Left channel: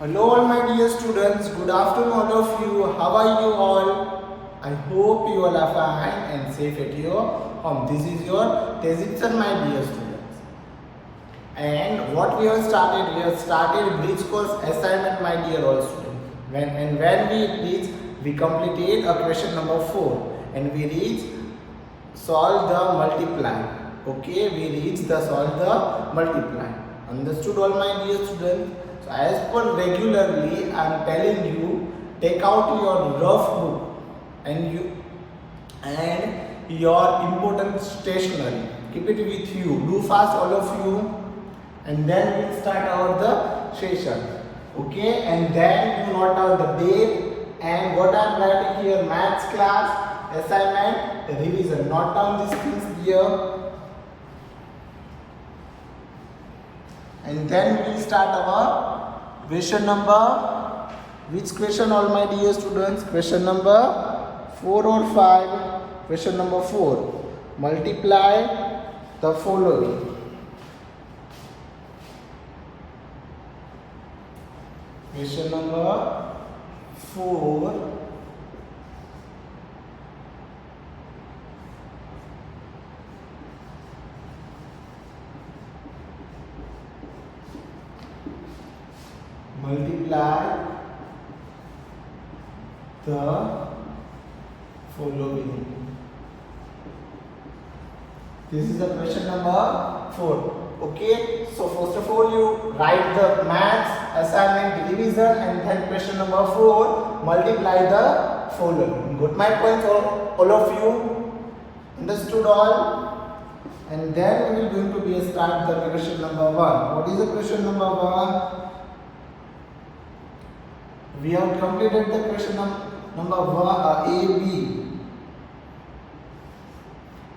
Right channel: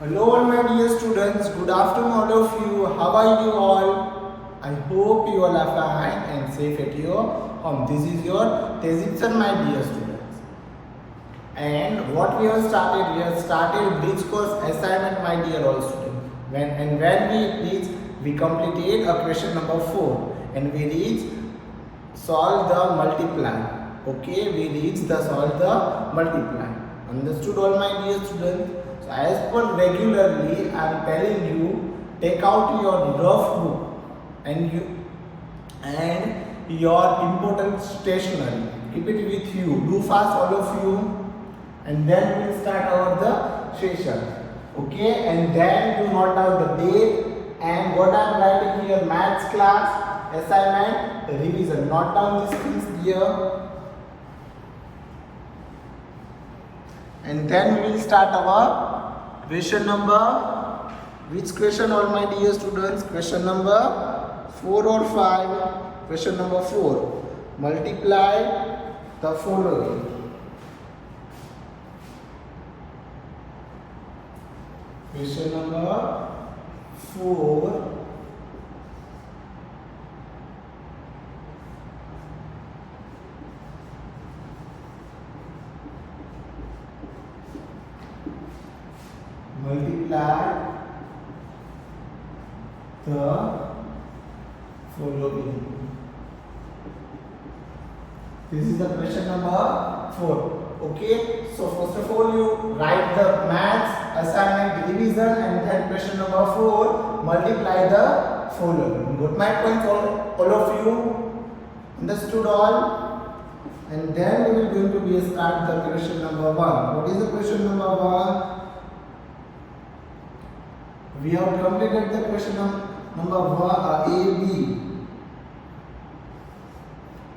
Hello all my dear students, good afternoon all of you. How are you all? I hope you all are fine and safe at your home. This is your Tezitsan my dear students. And what we have started bridge course assignment my dear all students. When we completed a question number 4 and we reached solve the multiply. Okay, we reached the solve the multiply. Understood all my dear students? So as per regularly I am telling you, take out your rough book and your important stationery. Keep it with you. Do fast all of you, and then we'll start our the session. Okay, and then you note down the date and what I am writing here: maths class assignment revision. Note down these things here. And then we will start our question number. Which question all my dear students? Question number 4 or 5? Question number 4. Multiply the following. Question number 4. Multiply the following. This is the question number 4. Okay, so first of all you write the maths assignment revision and then question number 4, multiply the following. Got my point all of you? Understood all? And then we will going to be start the question number 1. What is the question number 1? We have completed the question number 1 A, B.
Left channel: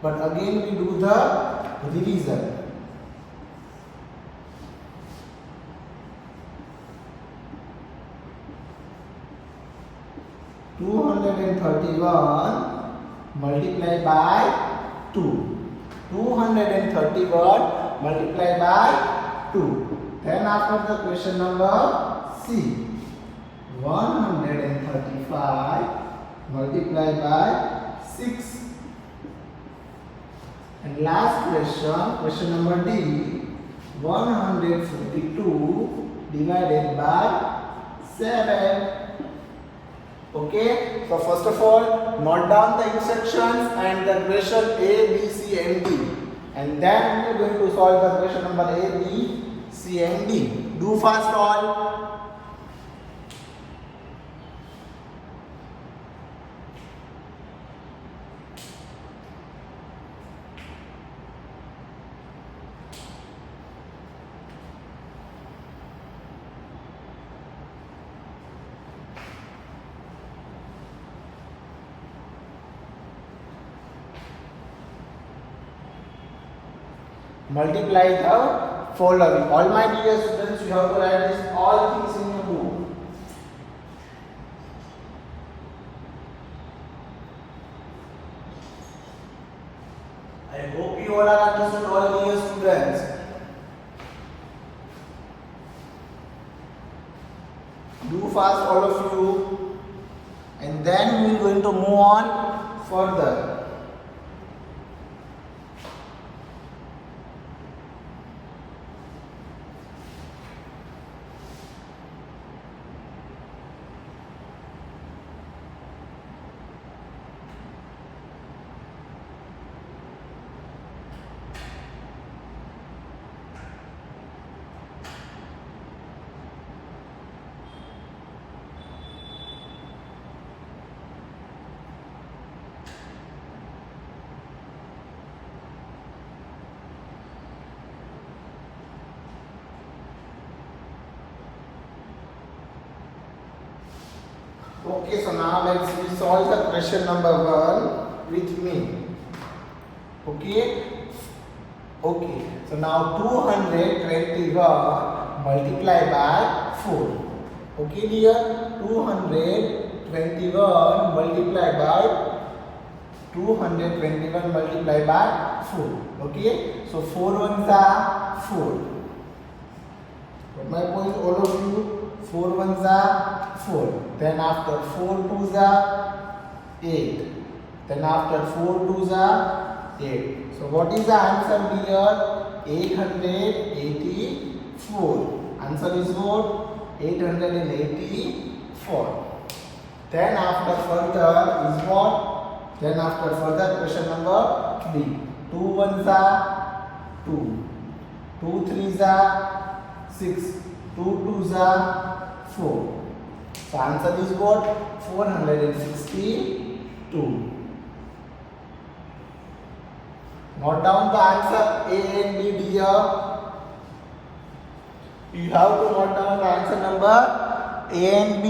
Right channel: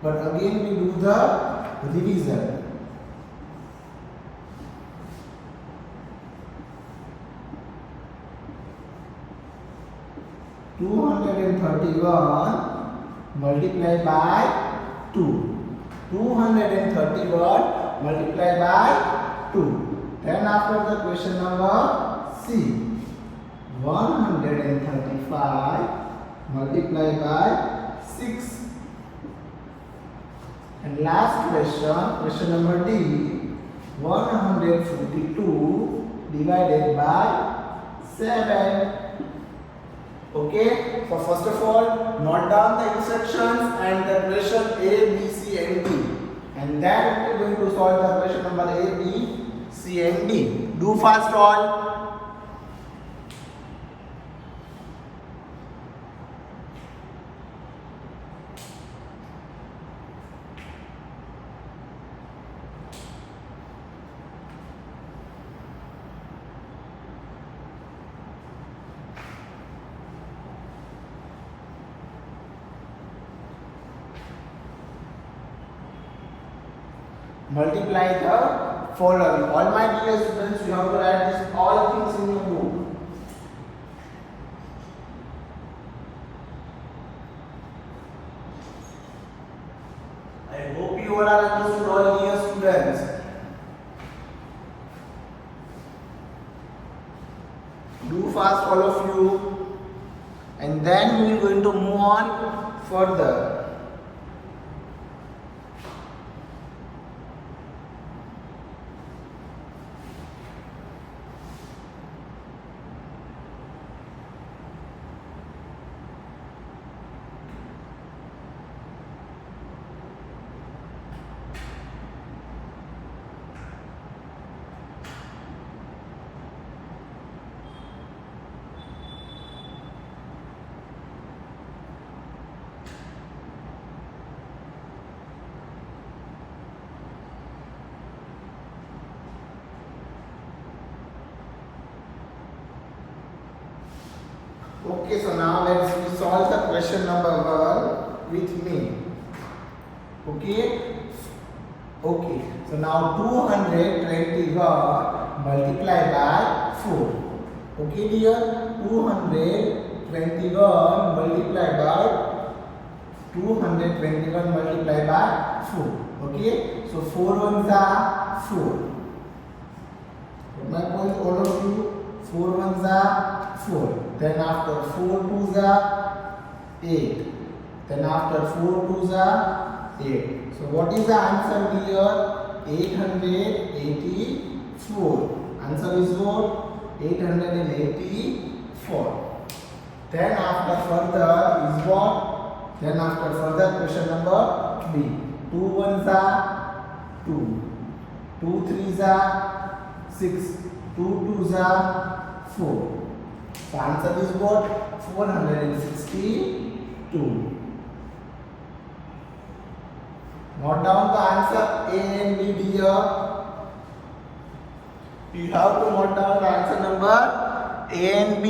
But again we do the revision. Multiplied by 2. 231 multiplied by 2. Then after the question number C. 135 multiplied by 6. And last question number D, 142 divided by 7. Okay, so first of all, note down the instructions and the question A, B, C and D. And then we are going to solve the question number A, B, C and D. Do fast all. Multiply the following. All my dear students, you have to write this all things in your book. I hope you all are understood, all dear students. Do fast all of you, and then we are going to move on further. Okay, so now let's solve the question number 1 with me. Okay, so now 221 multiplied by 4. Okay dear, 221 multiplied by 4. Okay, so 4 ones are 4. But my point all of you, 4 ones are 4. Then after 4 twos are 8. Then after 4 twos are 8. So what is the answer here? 884. Answer is what? 884. Then after further is what? Then after further question number B. 2 ones are 2. 2 threes are 6. 2 twos are 4. So answer is what? 462. Note down the answer A and B here. You have to note down the answer number A and B.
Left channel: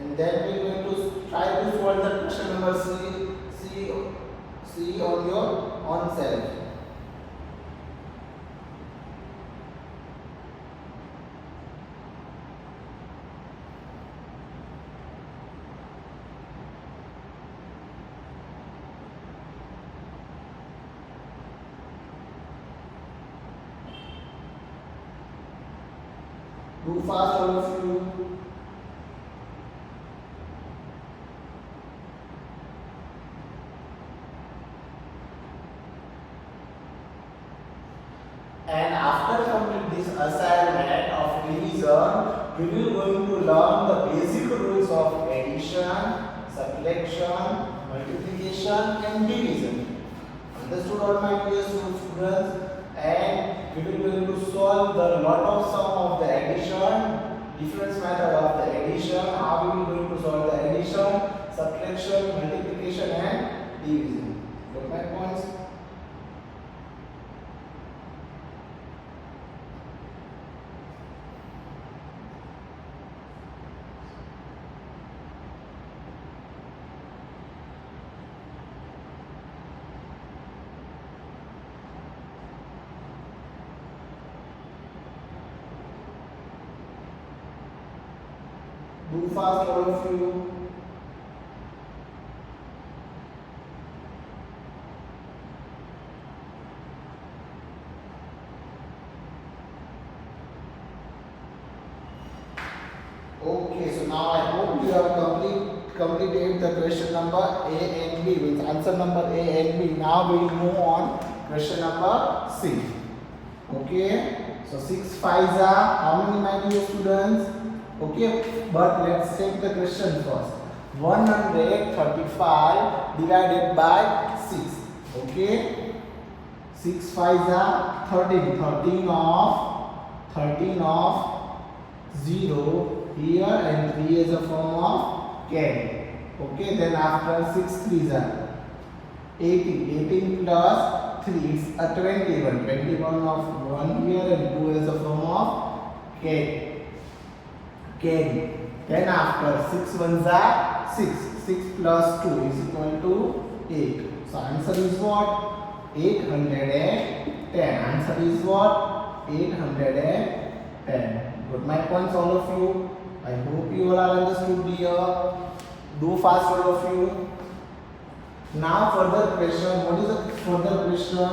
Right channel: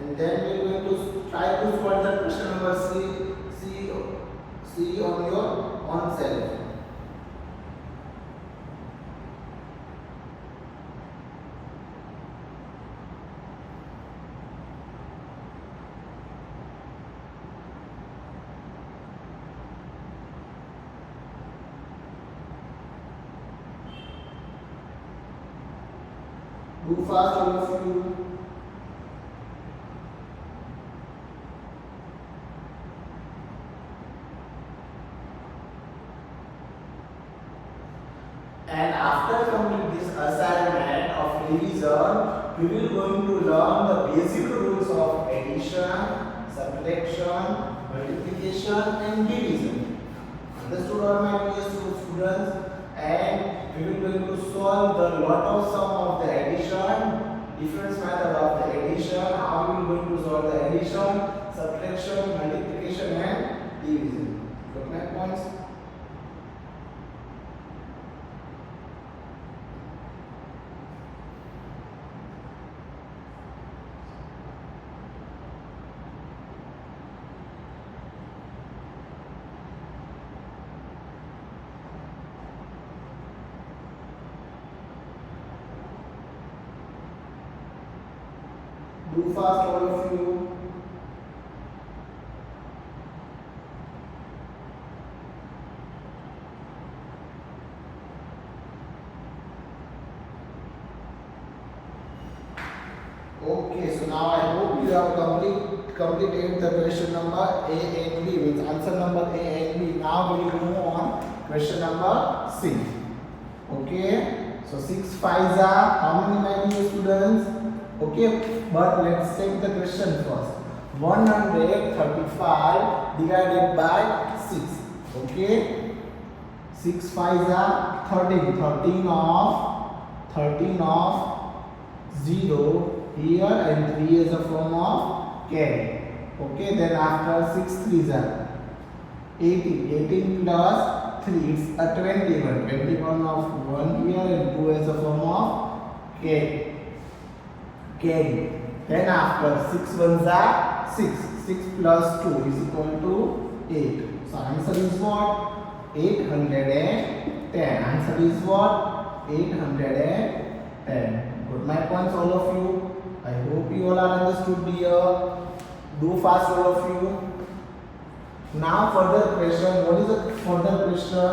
And then we are going to try to solve the question number C on your own self. Do fast, all of you. And after completing this assignment of revision, you will going to learn the basic rules of addition, subtraction, multiplication and division. Understood all my dear students? And we will going to solve the lot of sum of the addition, different method of the addition, how we will going to solve the addition, subtraction, multiplication and division. Got my points? Do fast, all of you. Okay, so now I hope you have completed the question number A and B with answer number A and B. Now we will move on question number C. Okay, so 6 5s are how many, my dear students? Okay, but let's take the question first. 135 divided by 6. Okay, 6 5s are 13. 13 of 0 here and 3 is a form of carry. Okay, then after 6 3s are 18. 18 plus 3 is a 21. 21 of 1 here and 2 is a form of carry. Then after 6 ones are 6. 6 plus 2 is equal to 8. So answer is what? 810. Answer is what? 810. Got my points, all of you? I hope you all are understood here. Do fast, all of you. Now further question. What is the further question?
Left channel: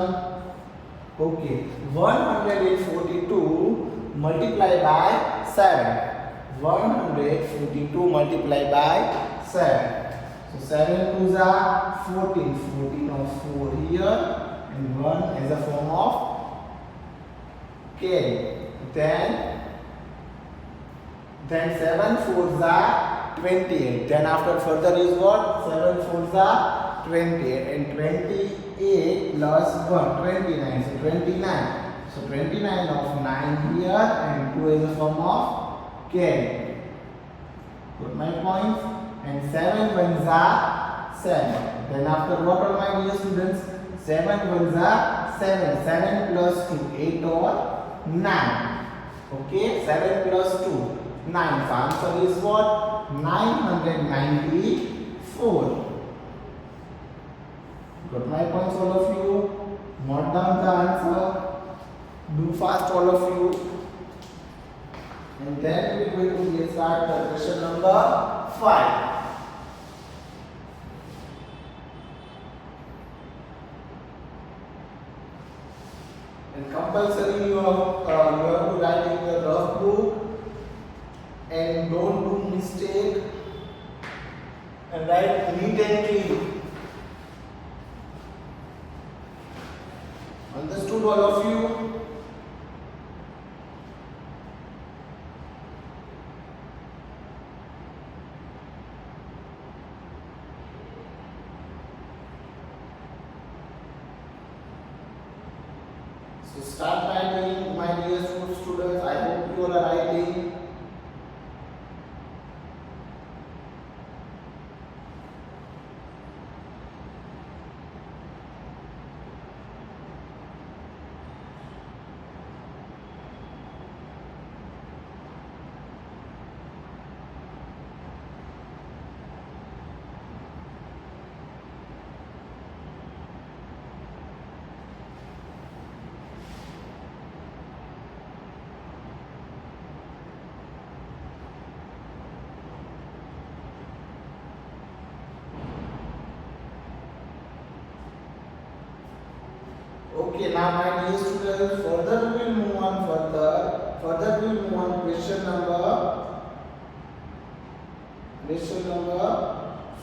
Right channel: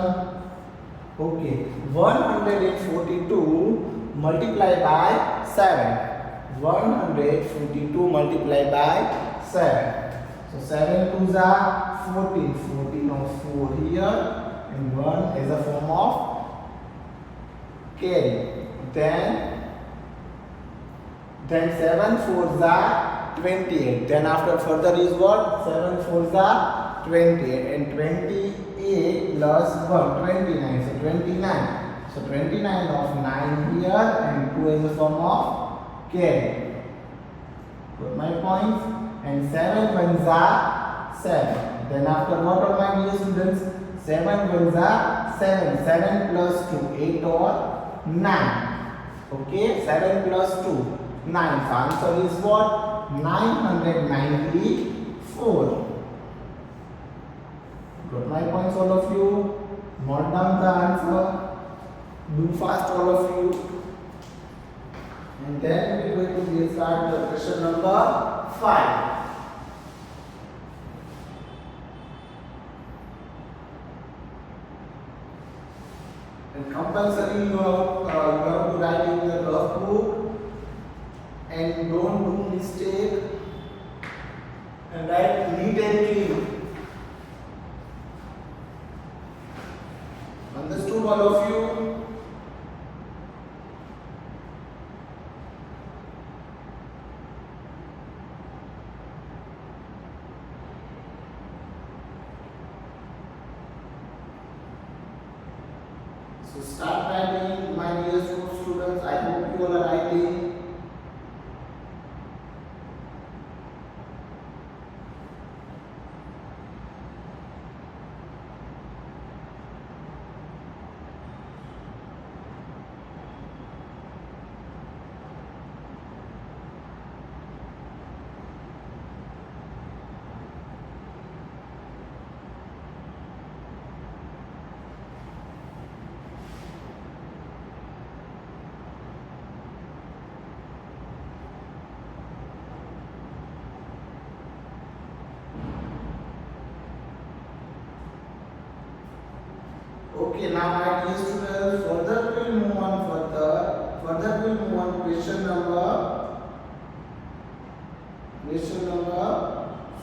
Okay, 142 multiplied by 7. 142 multiplied by 7. So 7 twos are 14. 14 of 4 here and 1 is a form of carry. Then 7 fours are 28. Then after further is what? 7 fours are 28 and 28 plus 1 29. So 29. So 29 of 9 here and 2 is a form of carry. Got my points? And 7 ones are 7. Then after what are my dear students? 7 ones are 7. 7 plus 2, 8 or 9. Okay, 7 plus 2, 9. So answer is what? 994. Got my points, all of you? Note down the answer. Do fast, all of you. And then we will going to start the question number 5. And compulsory you have to write in your rough book and don't do mistake and write neat and clean. Understood all of you? So start writing, my dear students. I hope you are writing. Okay, now my dear students, further we will move on further we will move on question number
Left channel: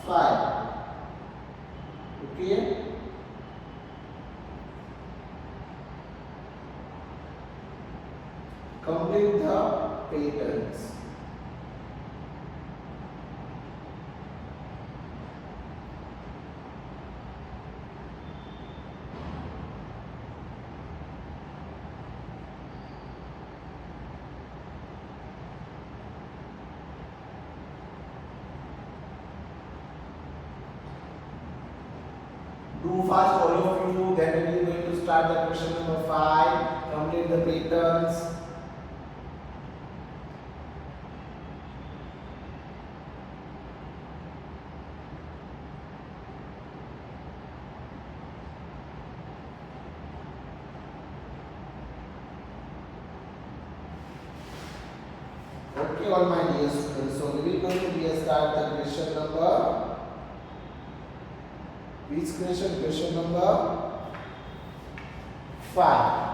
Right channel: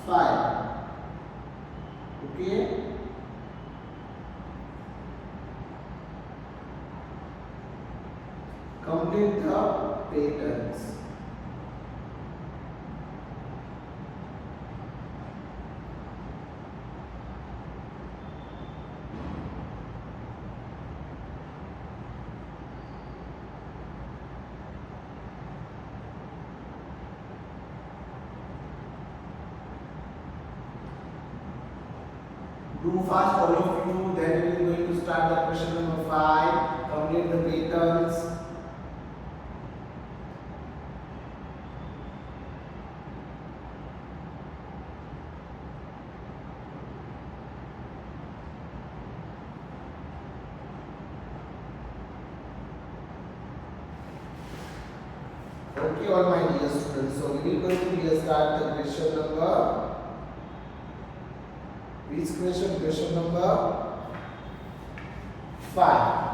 5. Okay. Complete the patterns. Do fast all of you, then we are going to start the question number 5. Complete the patterns. Okay, all my dear students. So we are going to start the question number. Which question? Question number 5.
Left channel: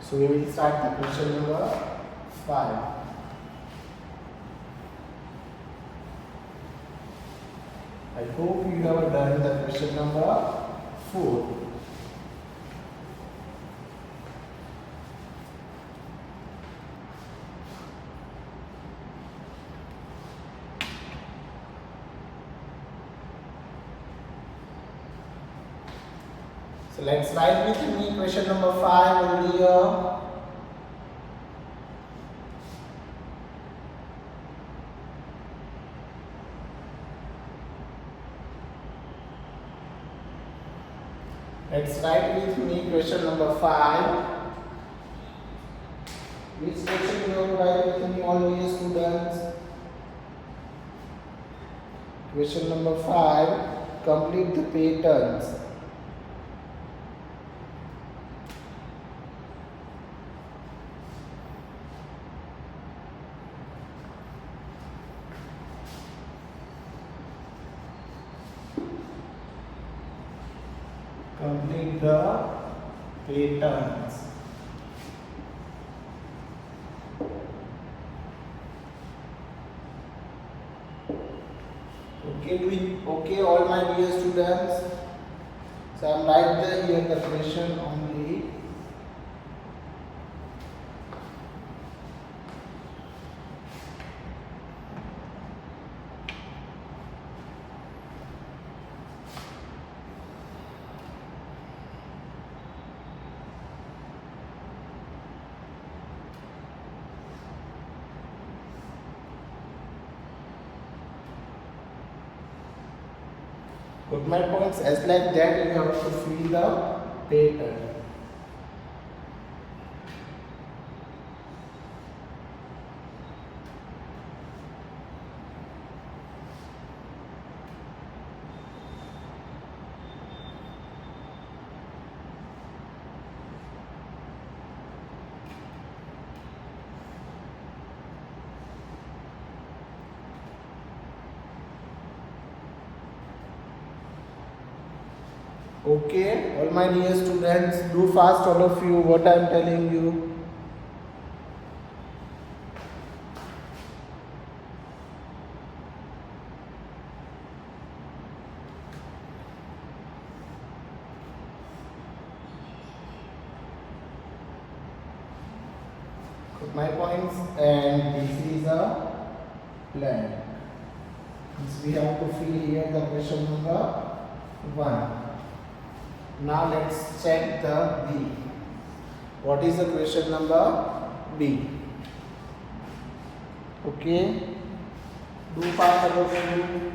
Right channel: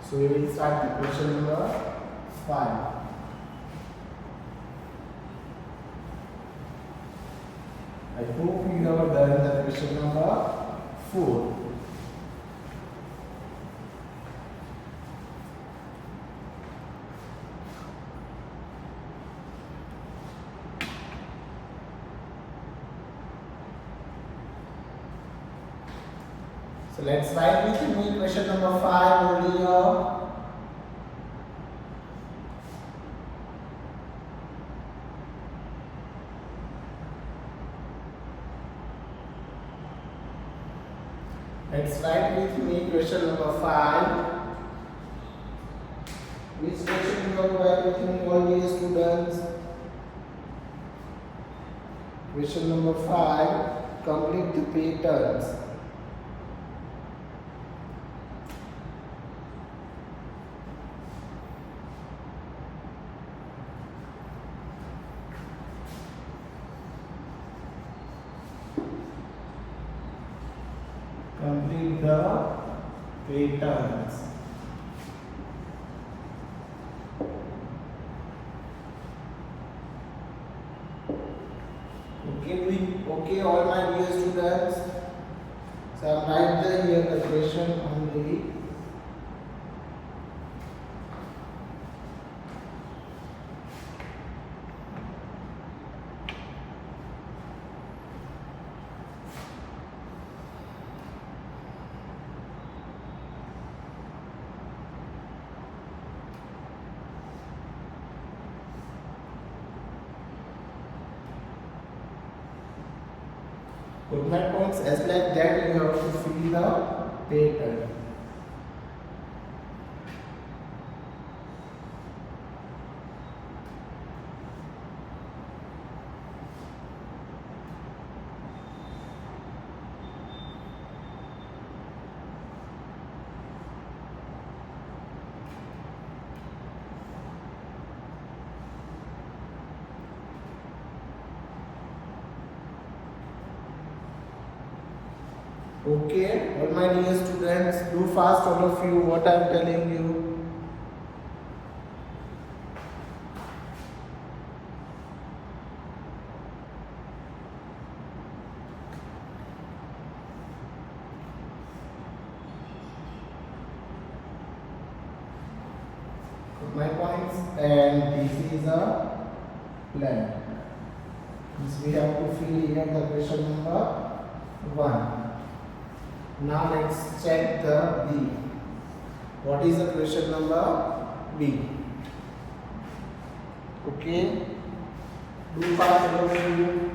So we will start the question number 5. I hope you have done the question number 4. So let's write with me question number 5 over here. Let's write with me question number 5. Which question you have to write with me, all dear students? Question number 5. Complete the patterns. Complete the patterns. Okay, all my dear students. So I am writing here the question only. Put my points as like that you have to fill the pattern. Okay, all my dear students, do fast all of you what I am telling you. Put my points, and this is a blank. This we have to fill here the question number 1. Now let's check the B. What is the question number B? Okay, do fast all of you.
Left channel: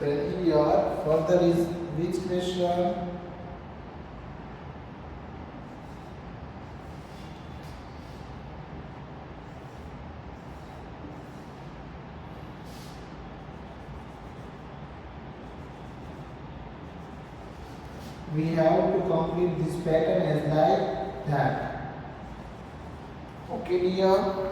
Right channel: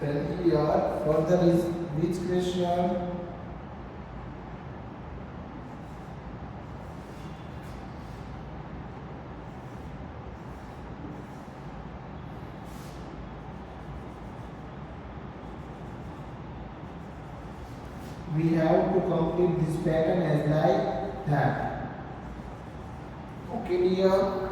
Then here further is which question? We have to complete this pattern as like that. Okay, dear.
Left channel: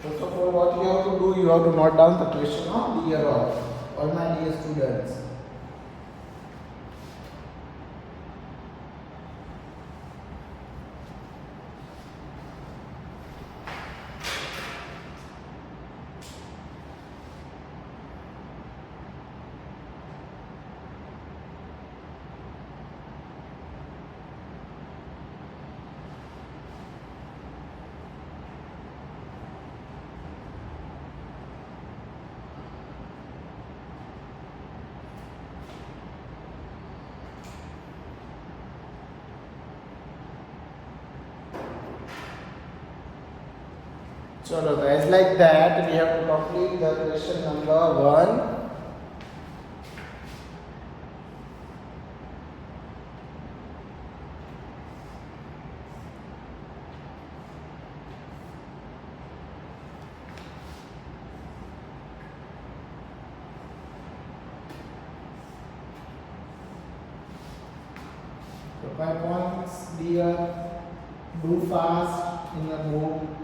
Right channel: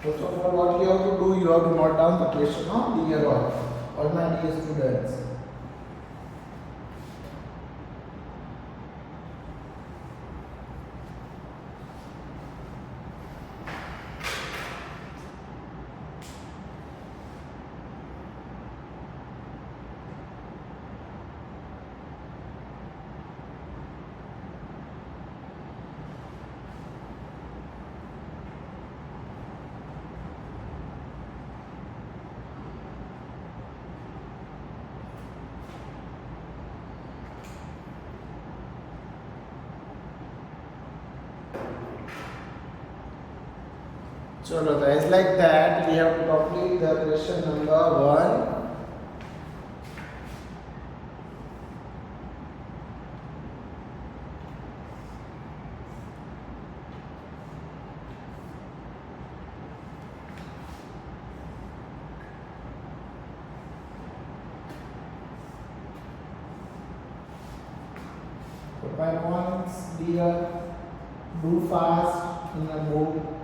First of all, what you have to do, you have to note down the question of dear all my dear students. So as like that, we have to complete the question number 1. Put my points, dear. Do fast in your book.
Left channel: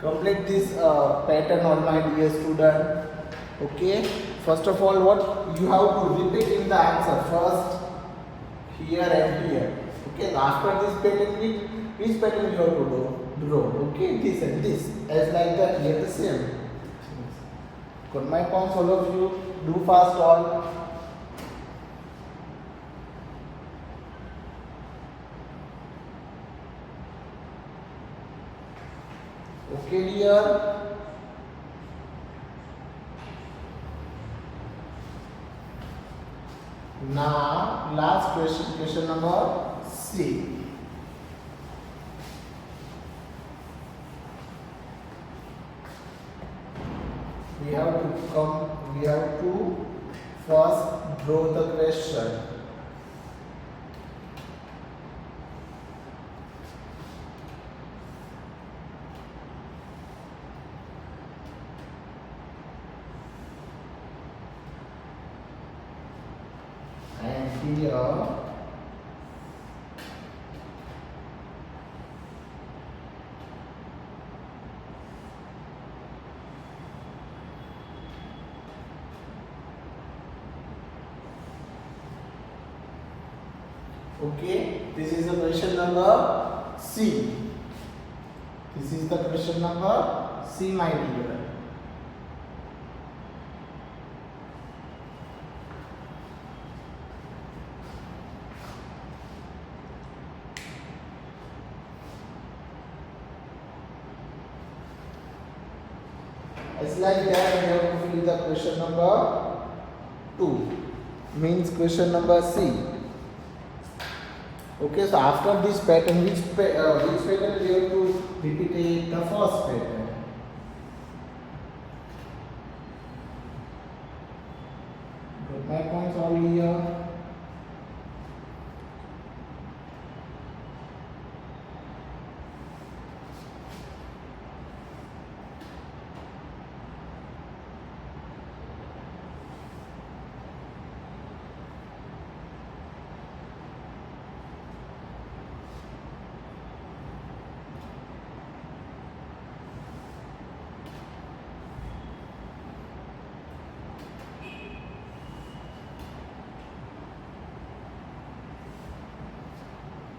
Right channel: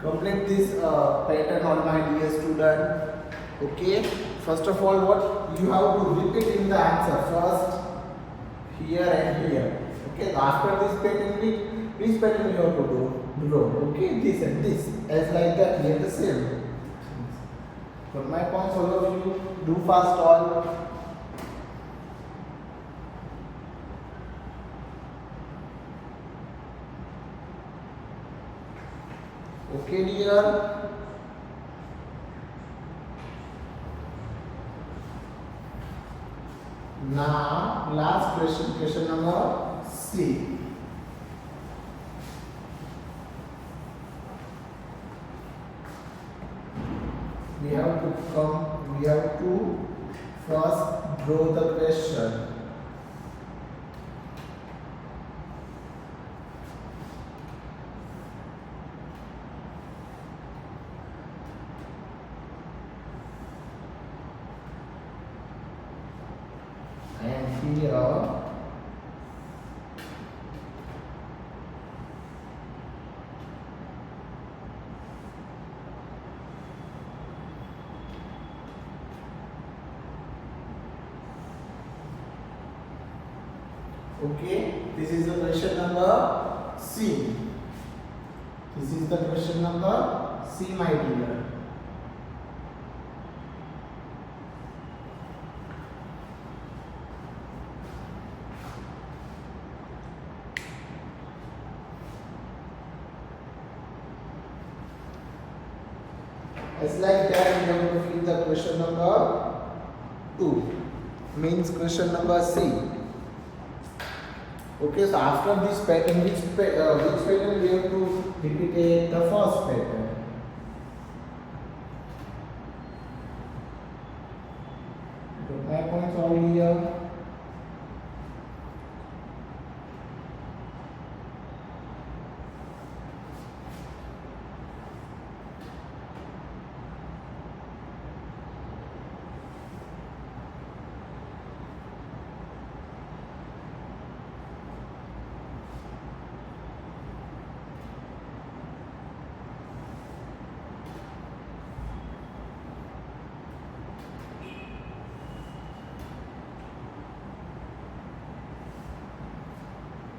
Complete this pattern on my dear student. Okay, first of all, what you have to repeat in the answer first here and here. Okay, after this pattern, which pattern you have to do? Draw. Okay, this and this as like that. Here the same. For my points, all of you do fast all. Okay, dear. Now, last question, question number C. We have to first draw the question. And here Okay, this is the question number C. This is the question number C, my dear. It's like that we have to fill the question number 2, means question number C. Okay, so after this pattern, which pattern we have to repeat it? The first pattern. Got my points all here.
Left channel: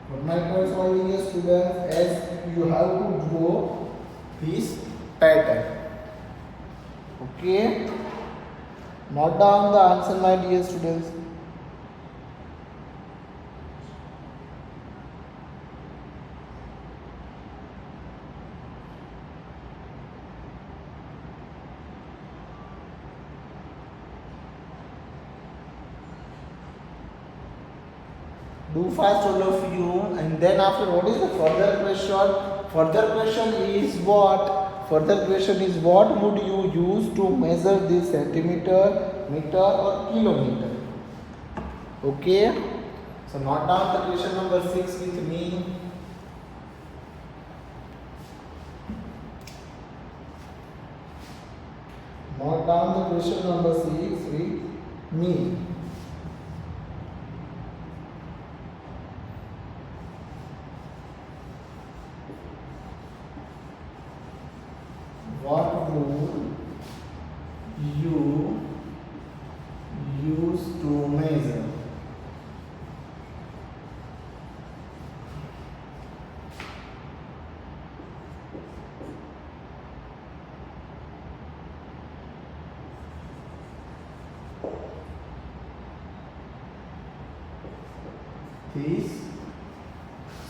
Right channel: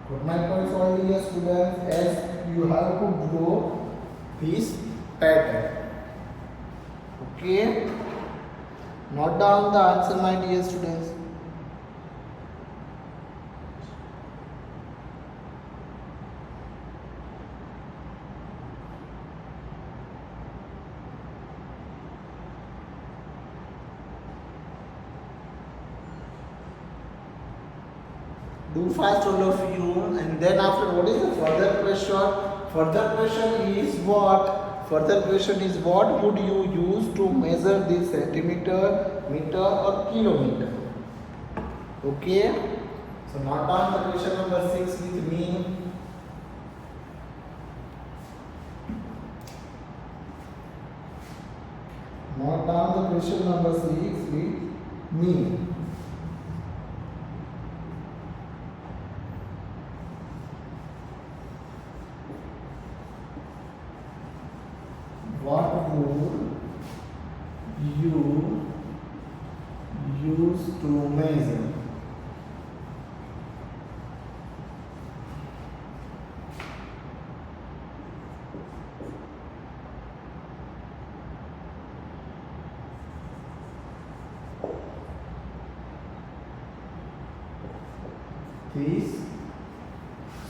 But my points all here, students, as you have to draw this pattern. Okay, note down the answer, my dear students. Do fast, all of you, and then after, what is the further question? Further question is what? Further question is what would you use to measure this centimeter, meter, or kilometer? Okay, so note down the question number 6 with me. Note down the question number 6 with me. What would you use to measure? This,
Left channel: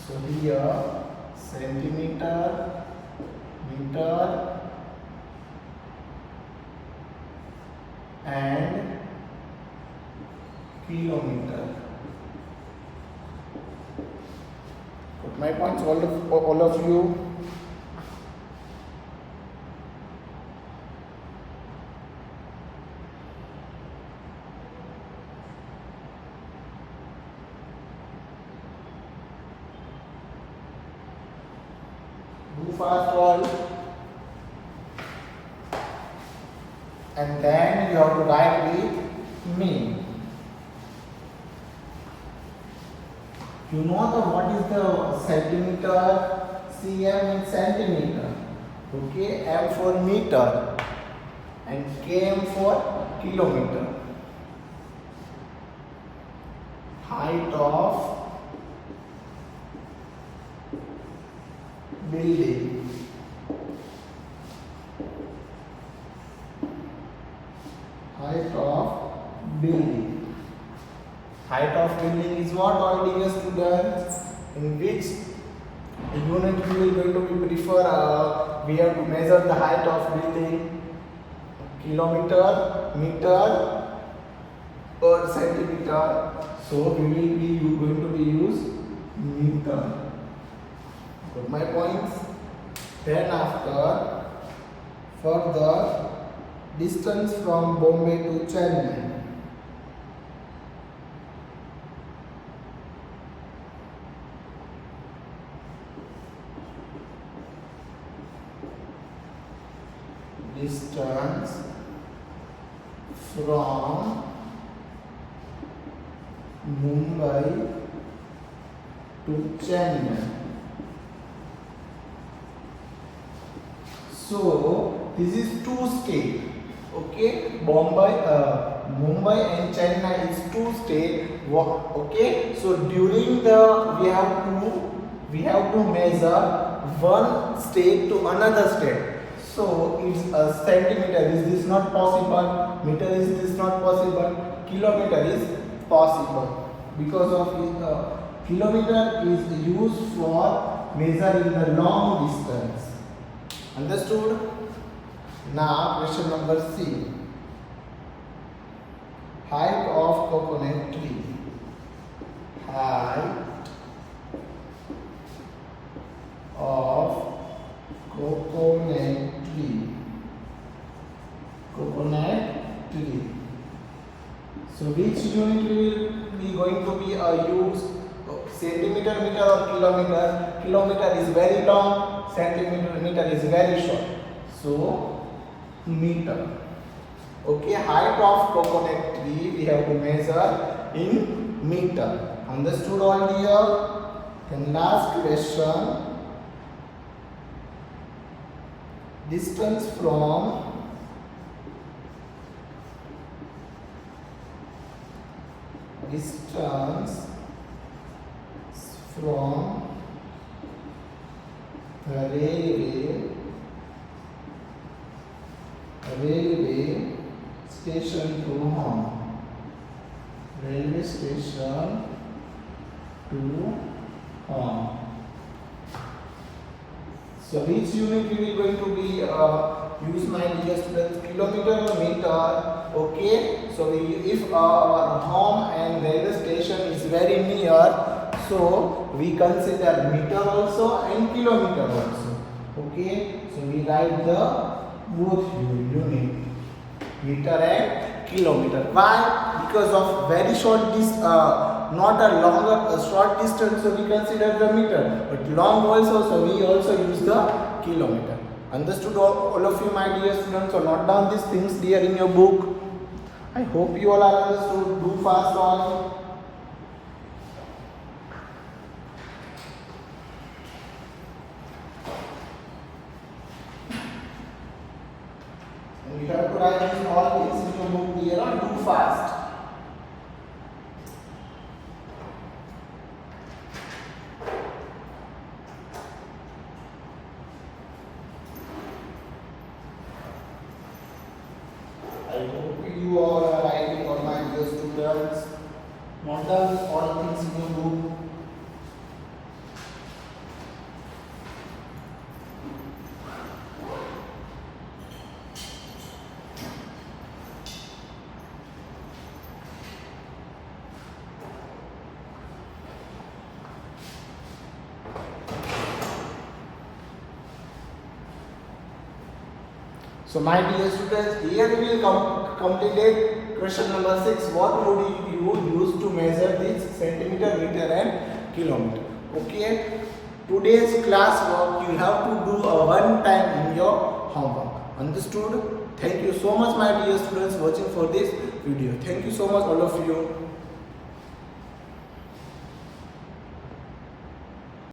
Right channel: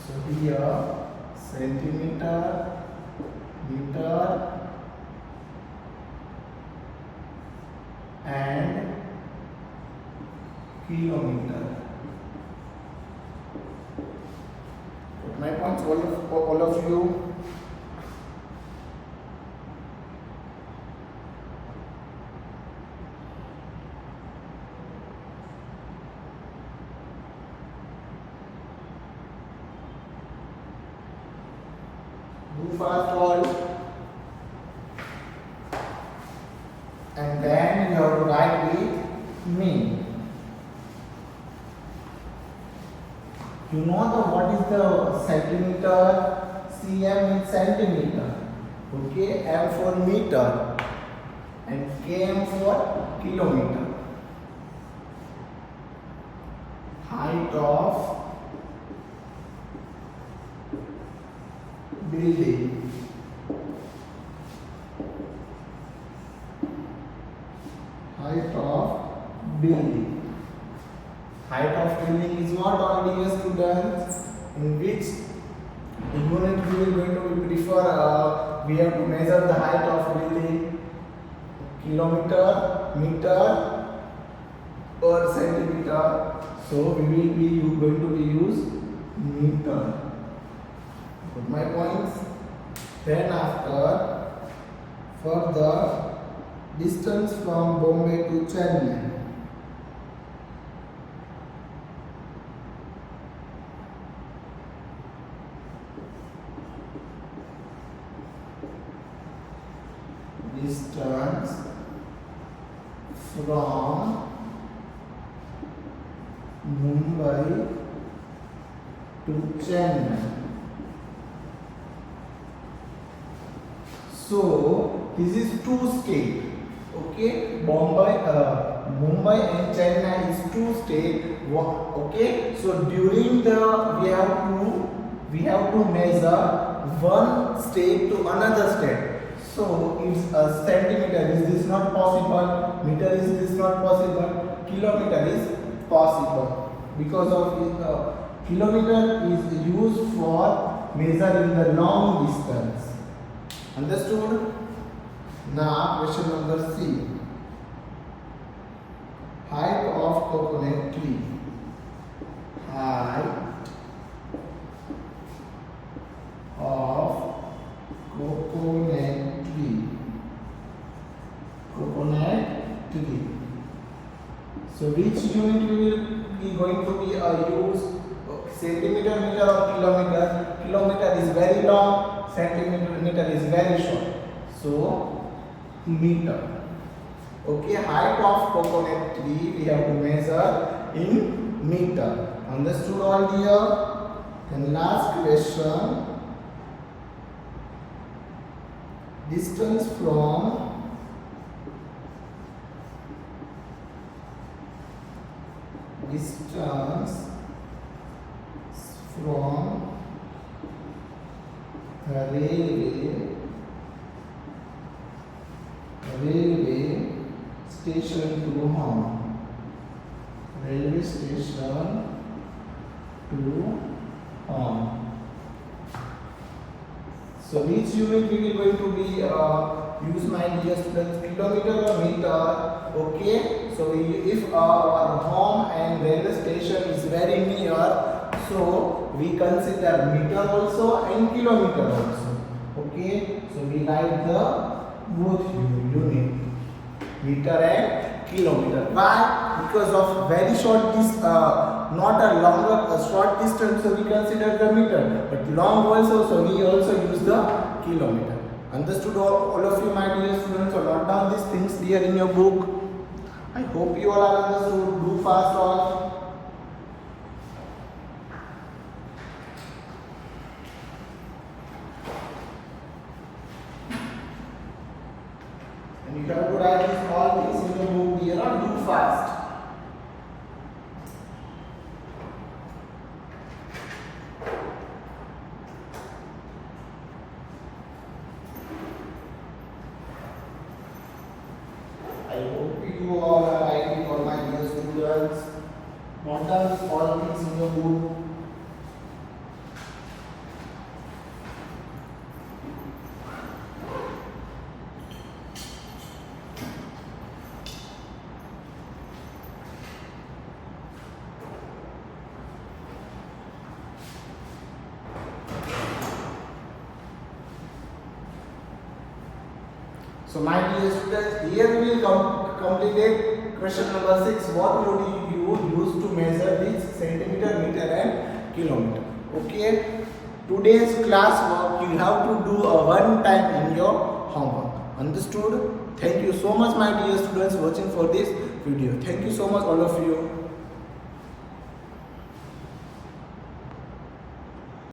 so here centimeter, meter, and kilometer. Put my points, all of you. Do fast all. And then you have to write with me. You know what is the centimeter? cm in centimeter. Okay, m for meter, and km for kilometer. Height of building. Height of building. Height of building is what, all dear students? In which unit we will going to prefer? We have to measure the height of building. Kilometer, meter, or centimeter. So we will be going to be use meter. Got my points? Then after, for the distance from Bombay to Chennai. Distance from Mumbai to Chennai. So this is two states. Okay, Bombay, Mumbai and Chennai is two states. Okay, so during the we have to measure one state to another state. So it's a centimeter. Is this not possible? Meter is this not possible? Kilometer is possible because of kilometer is used for measuring the long distance. Understood? Now question number C. Height of coconut tree. Height of coconut tree. Coconut tree. So which unit will be going to be used? Centimeter, meter or kilometer? Kilometer is very long, centimeter is very short. So meter. Okay, height of coconut tree we have to measure in meter. Understood all here? Then last question. Distance from railway station to home. Railway station to home. So which unit we will going to be use, my dear students? Kilometer or meter? Okay. So if our home and railway station is very near, so we consider meter also and kilometer also. Okay. So we write the both unit, meter and kilometer. Why? Because of very short distance, not a short distance, so we consider the meter, but long also, so we also use the kilometer. Understood all of you, my dear students? So note down these things there in your book. I hope you all are understood. Do fast all. And you have to write these all things in your book here, or do fast. I hope you all are writing, all my dear students. Note down these all things in your book. So my dear students, here we will complete question number 6. What would you use to measure this centimeter, meter and kilometer? Okay. Today's class work you have to do one time in your homework. Understood? Thank you so much, my dear students, watching for this video. Thank you so much all of you.